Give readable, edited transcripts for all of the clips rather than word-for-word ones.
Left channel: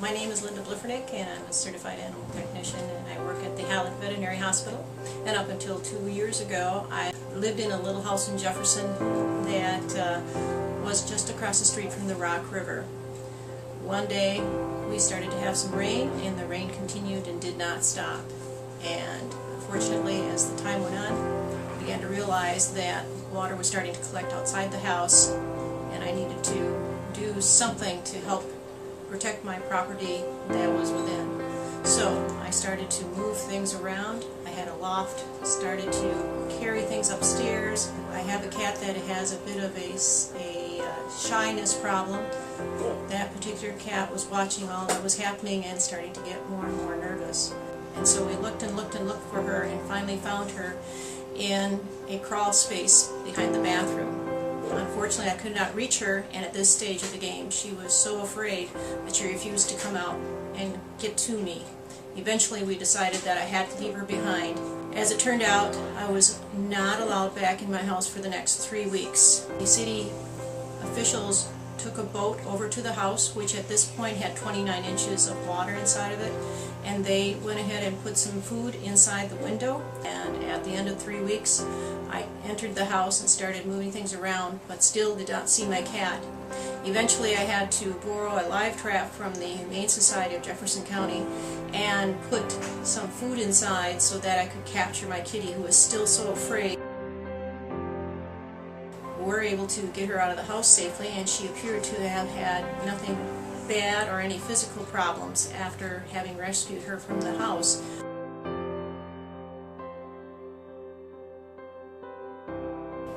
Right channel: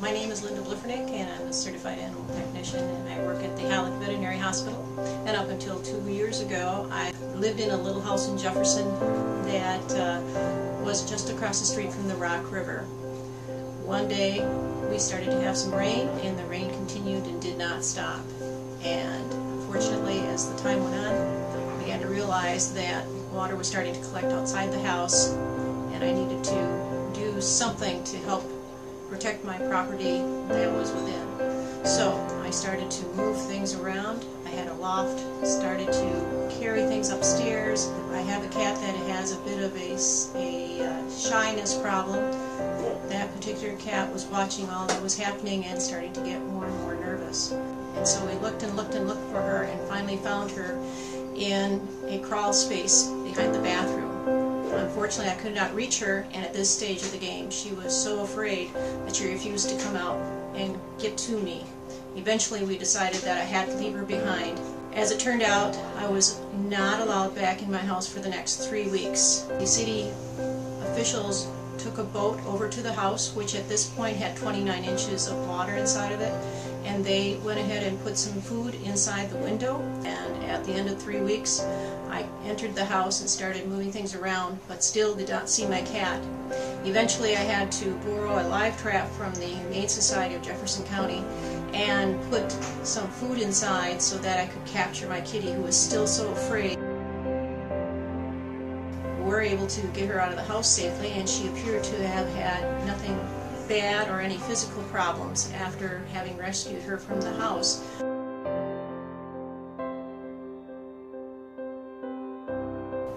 My name is Linda Bliffernick, and I'm a certified animal technician, and I work at the Halleck Veterinary Hospital. And up until 2 years ago, I lived in a little house in Jefferson that was just across the street from the Rock River. One day, we started to have some rain, and the rain continued and did not stop. And unfortunately, as the time went on, I began to realize that water was starting to collect outside the house, and I needed to do something to help protect my property that was within. So I started to move things around. I had a loft, started to carry things upstairs. I have a cat that has a bit of a shyness problem. That particular cat was watching all that was happening and starting to get more and more nervous. And so we looked and looked and looked for her and finally found her in a crawl space behind the bathroom. Unfortunately, I could not reach her, and at this stage of the game, she was so afraid that she refused to come out and get to me. Eventually, we decided that I had to leave her behind. As it turned out, I was not allowed back in my house for the next 3 weeks. The city officials took a boat over to the house, which at this point had 29 inches of water inside of it, and they went ahead and put some food inside the window. And at the end of 3 weeks, I entered the house and started moving things around, but still did not see my cat. Eventually, I had to borrow a live trap from the Humane Society of Jefferson County and put some food inside so that I could capture my kitty, who was still so afraid. We were able to get her out of the house safely, and she appeared to have had nothing bad or any physical problems after having rescued her from the house.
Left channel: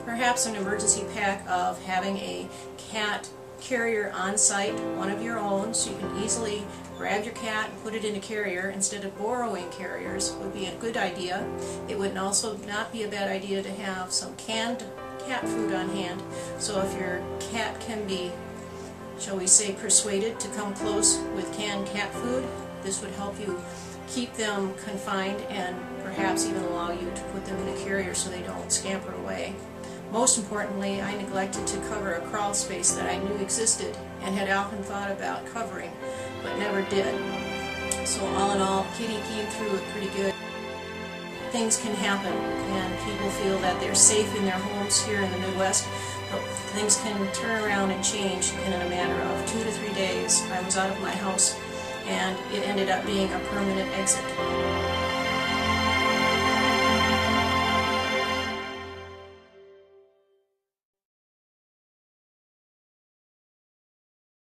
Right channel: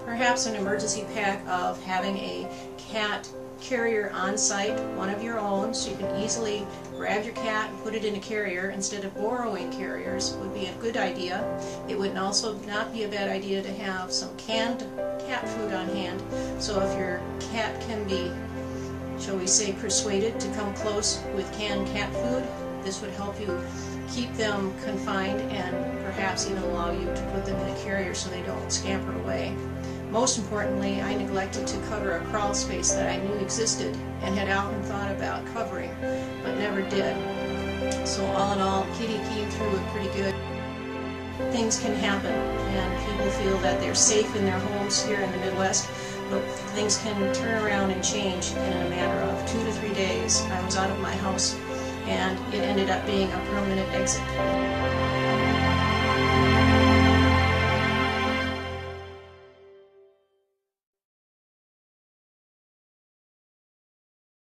Perhaps an emergency pack of having a cat carrier on site, one of your own, so you can easily grab your cat and put it in a carrier instead of borrowing carriers, would be a good idea. It would also not be a bad idea to have some canned cat food on hand, so if your cat can be, shall we say, persuaded to come close with canned cat food, this would help you keep them confined and perhaps even allow you to put them in a carrier so they don't scamper away. Most importantly, I neglected to cover a crawl space that I knew existed and had often thought about covering, but never did. So all in all, Kitty came through it pretty good. Things can happen, and people feel that they're safe in their homes here in the Midwest, but things can turn around and change in a matter of 2 to 3 days. I was out of my house, and it ended up being a permanent exit.